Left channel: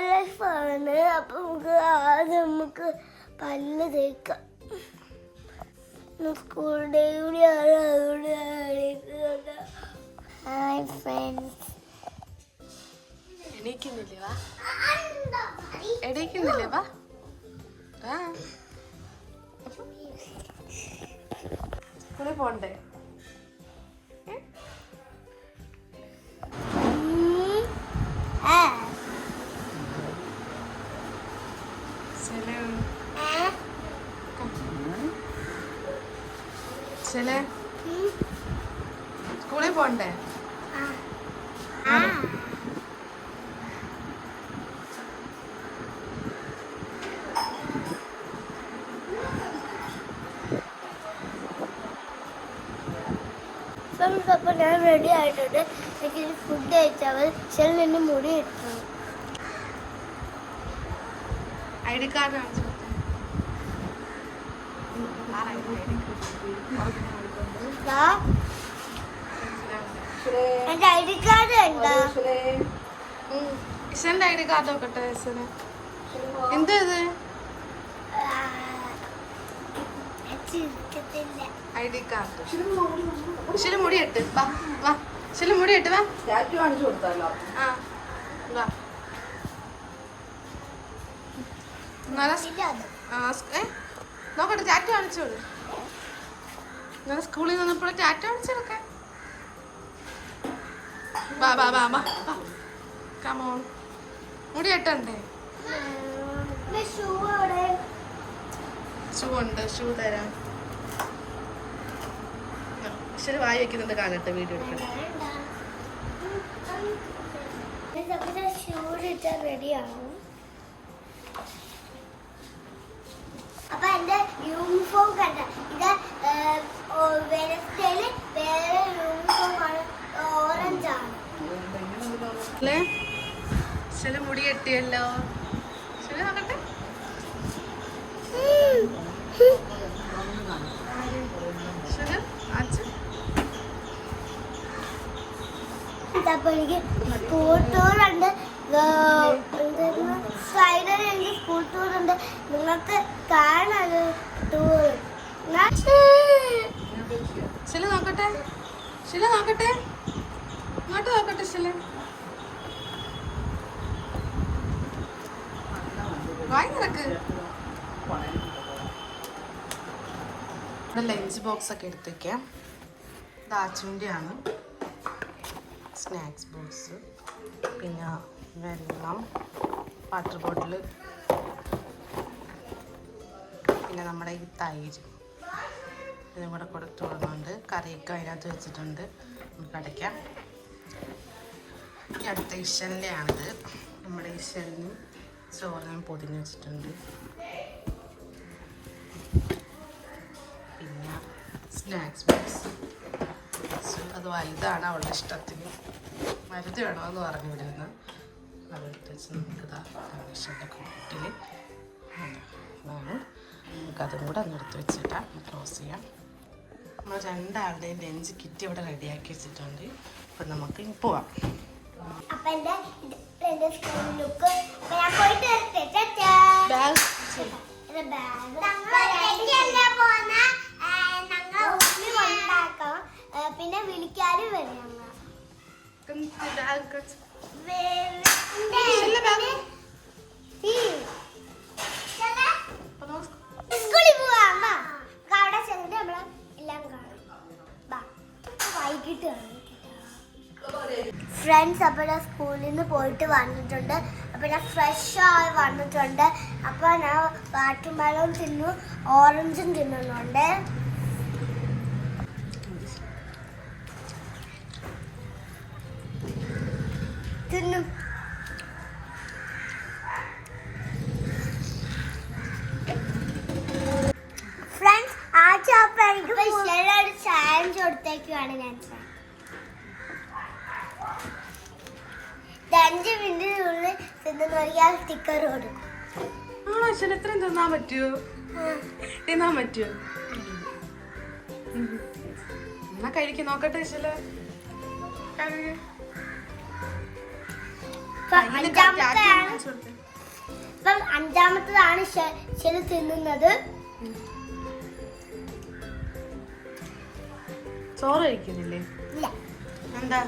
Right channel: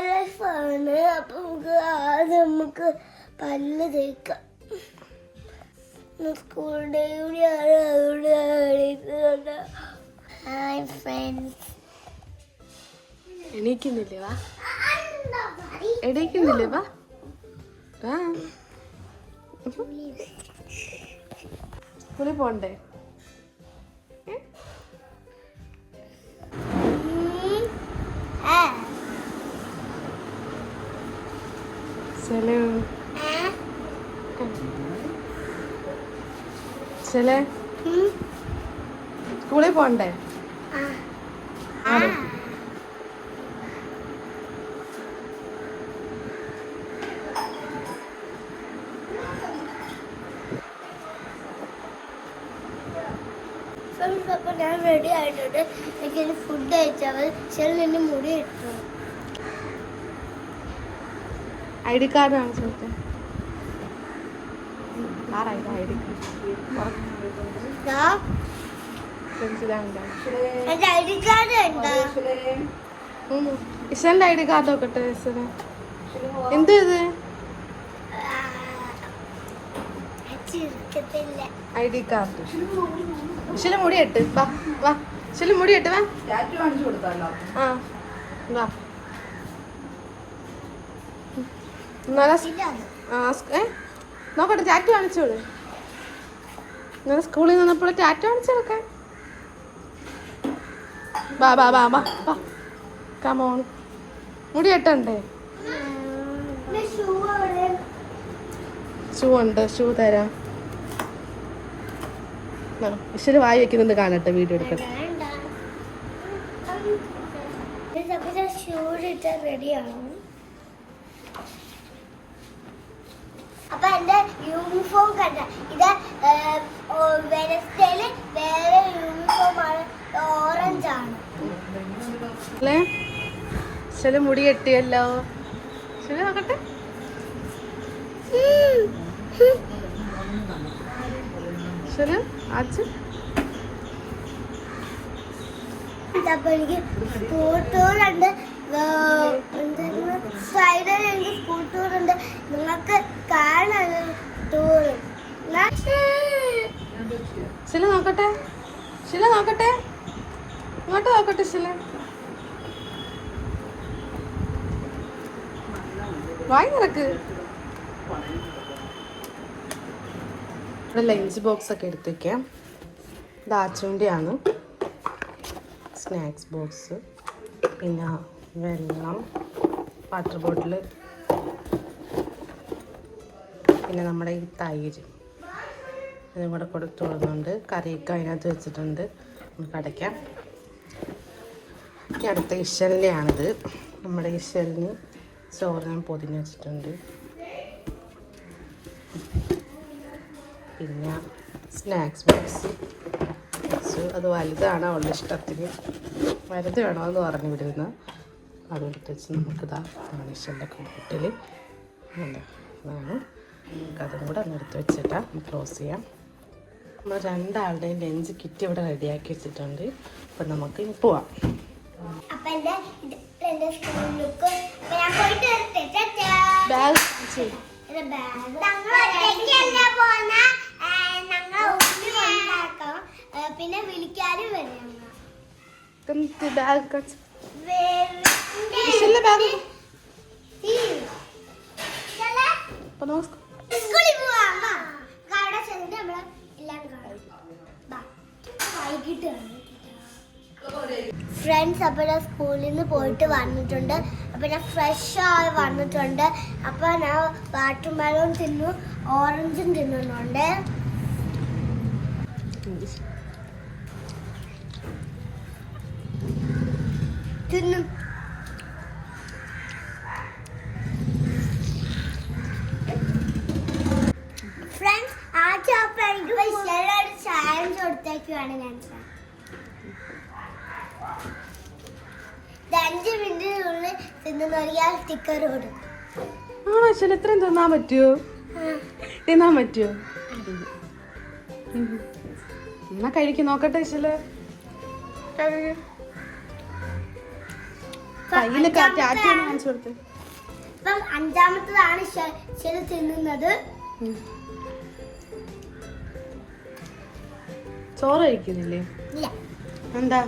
ലൈഫാണ് അപ്പൊ നമുക്ക് ആദ്യം നമുക്ക് പല്ല് തേക്കാം. സ്കൂൾ ഡൈവിടെയാണ് അവിടെ ഹായ് ഫ്രണ്ട്സ് എണീക്കുന്നില്ലേ വാ. എണീക്കുന്നില്ലേ വാ. വാ. സ്കൂളിൽ പോണ്ടേ? ചില. സ്കൂളിൽ പോണ്ടേ? ഞാൻ റെഡി ആയിട്ടുണ്ട്. എനിക്ക് ഫുഡ് കഴിച്ചാൽ ശരി നിന്ന് മുടി ഐ ഡി കാർഡ് ആണ് കൊടുത്തേ ആറായത് ഐ ഡി കാർഡ് നോക്കട്ടെ ഇഷന് എന്ത് ഇത് ഐ ഡി കാർഡ് ഇഷൽ മുടി ഇട്ട് വാ വാ ഇഷൽ മുടി ഇട്ട് വാ ആ ഇതാണ് ആ, ഏ നോക്കട്ടെ ടാറ്റ കാണിച്ചോളൂ. ഇന്നലെ സ്കൂളിൽ നിന്നപ്പോൾ ടാറ്റ കാണിച്ചെടുക്കാൻ ബാ ബാ ബാ ബാ ബാ കമോൺ മുടി കെട്ടണ്ടേ ഷൂ ഉണ്ട് ഷൂ തരാം. ഇച്ചിരി വായി വെക്കുന്നത് കാണട്ടെ വീഡിയോ എടുക്കട്ടെ ഷൂ ഇട്ടാൽ റെഡിയാണ് അപ്പൊ എന്റെ യൂണിഫോം കണ്ട ഇത് വെനസ്ഡേയിൽ വേറെ യൂണിഫോം ആണ്. ഓറഞ്ച് ആണ്. ഇച്ചിരി മുടി കെട്ടിയല്ലോ. ശരി നോക്കട്ടെ. ശരി അച്ഛ അപ്പൊ എനിക്ക് ഫ്രൈഡേ എനിക്ക് ഉണ്ട്. നിങ്ങൾക്ക് നോക്കട്ടെ? നോക്കട്ടെ? ഇങ്ങോട്ട് നോക്കട്ടെ ഇവിടെ ലഞ്ച് ബോക്സ് ഒക്കെ എടുത്ത് വെക്കാം ഇത് സ്നാക്സ് ബോക്സ്. പിന്നെ വെള്ളം വാട്ടർ ബോട്ടിൽ പിന്നെ നമ്മുടെ ഈ തൈര് ഇതും കൂടെ കൊടുത്തു കൊടുക്കുന്നുണ്ട്. കറിയൊക്കെ അതിനകത്ത് വെച്ചിട്ടുണ്ട്. നമുക്ക് അടയ്ക്കാം. എനിക്ക് അടുത്ത ഇഷലിന്റെയാണിത്. നമ്മുടെ ഇഷലിന് ചോറ് ഞാൻ പൊതിഞ്ഞ് വെച്ചിട്ടുണ്ട്. പിന്നെ സ്നാക്സ് ബോക്സ്. അത് വലുതാണ് അവളുടെ ഇഷ്ടത്തിന്. വലുത് വേണമെന്ന് പറഞ്ഞു വിടുന്ന. അതെടുത്ത് വെച്ച് നമുക്കിതാ ഇഷലിന്റെ കൂട്ടിൽ അതാണ്. നമുക്കതും കൂടെ ഒന്ന് എടുത്ത് വെച്ചിട്ടാ ക്ലോസ് ചെയ്യാം നമ്മൾ രണ്ടാളുടെയും ലഞ്ച് കിറ്റ് ഇവിടെ റെഡിയാക്കി വെച്ചിട്ടുണ്ട് അപ്പം നമുക്ക് പോവാം പോന്ന വിളിക്കാനും വരും ഫ്രണ്ട്സ് അപ്പോൾ ഞാൻ സ്കൂളിൽ നിന്ന് പോയിട്ട് വന്നിട്ടുണ്ട്. അപ്പോൾ ഞാൻ ഫ്രഷ് ആയി വന്നിട്ടുണ്ട്. അപ്പോൾ ഞാൻ വാട്ടർ മെലോൺ തിന്നു ഓറഞ്ചും തിന്നുന്നുണ്ട്. തിന്നു ഫ്രണ്ട്സ് ആ ചോപ്പ് എനിക്ക് ചാലഞ്ച് കൊടുത്തേക്കാണ് ഞാൻ. അഞ്ച് മിനിറ്റിനുള്ളിൽ തിന്നുന്നൊരിയാൾ സ്റ്റിക്കർ കൊടുക്കും ആണോ അച്ഛൻ എത്രയും തിന്നാൻ പറ്റുമോ തിന്നാൻ പറ്റുമോ എന്നാ കഴിക്ക് നോക്കട്ടെ അച്ഛൽ കയ്യിൽ അഞ്ചാമത്തതാണ് തിന്നുന്നത്. ചോറ് കഴിക്കുന്നില്ലേ? എന്താ?